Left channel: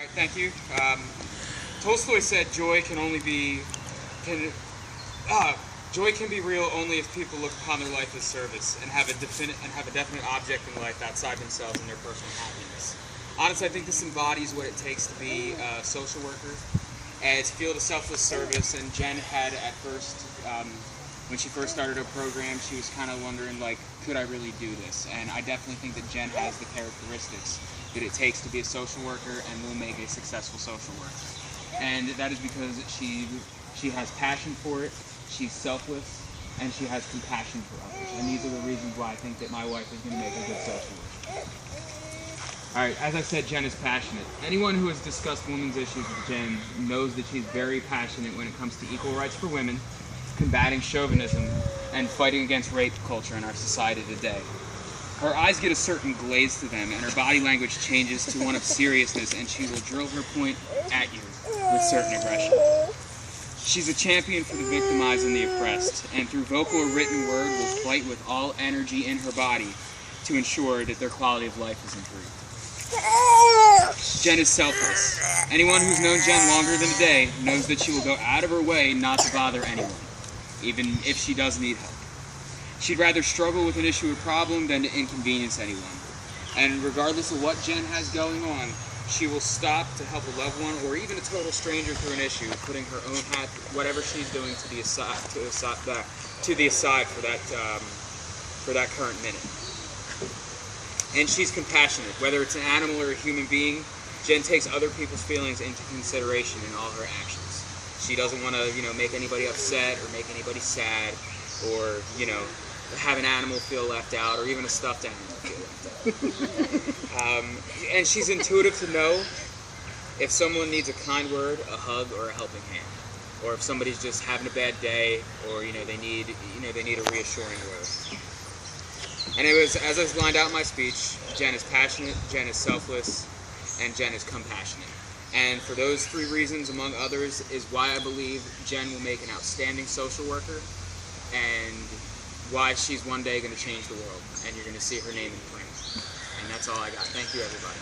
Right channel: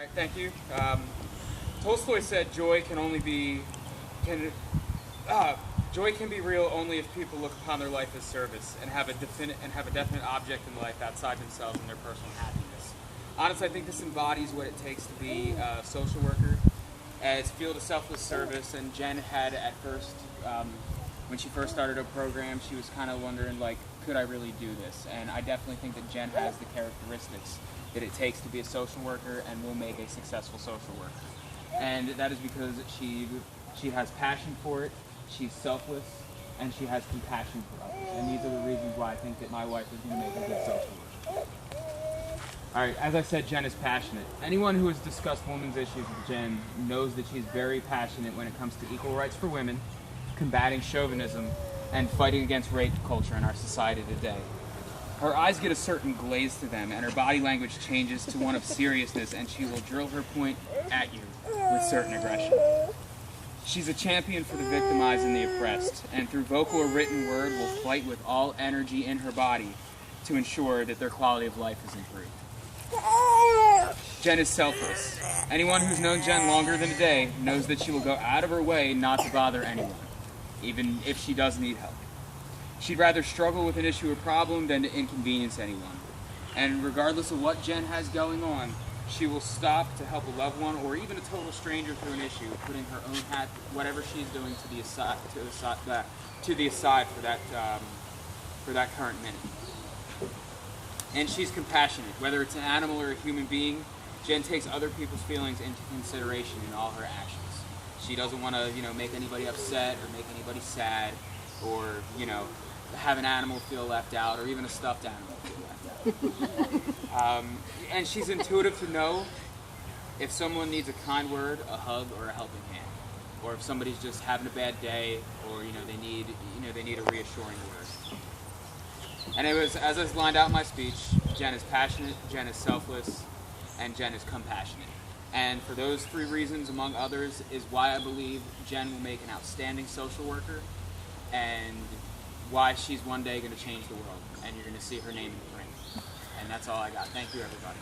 All right, thank you. Tolstoy said can uh, joy can be real only if people look upon their life as service and have a definite object in life outside themselves and their personal happiness. Honestly, I think this embodies what it takes to be a social worker and to feel the selfless service. And Jen had at first, when she first started her program, she was kind of wondering, like, could I really do this? And I definitely think that Jen has the characteristics that it takes to be a social worker and will make a successful social worker. And that is because she has passion for it, she's selfless, and she has compassion for others. And these are the reasons why I think that my wife is going to make a good social worker. Alright, as I said, Jen is passionate. Anyone who has discussed women's issues with Jen knows that she's very passionate when it comes to equal rights for women, combating chauvinism, and fighting against rape culture in our society today. Her eyes get a certain glaze to them, and her body language changes to one of seriousness, and she will drill her point at you with certain aggression. She's a champion for the victimized and the oppressed, and through vocal or written word will fight with all energy in her body to ensure that their quality of life is improved. Jen is selfless. Anyone who's known Jen longer than a day knows that she will go out of her way not to bother anyone, even if she does need help. She'd rather struggle with an issue or problem than to inconvenience anyone. And regardless of what Jen has going on, she will stop to help a loved one or even a total stranger through an issue, putting her own hat, whatever she's doing, to the aside for that current minute. And she's compassionate. Whether it's an animal or a human being, Jen takes other people's feelings into consideration in all her actions. She doesn't want to, make anybody upset or make anybody sad, or, have an animal feel left out, or even a stuffed animal feel left out. And she's intuitive to know if someone needs a kind word, a hug, or a helping hand, or if somebody's just having a bad day, or they need a reassuring word. Anyways, as I lined out my speech, Jen is passionate, Jen is selfless, and Jen is compassionate. And for those three reasons, among others, is why I believe Jen will make an outstanding social worker, and why she's one day going to change the world, and you're going to see her name in flames. And that's all I got. Thank you, everybody.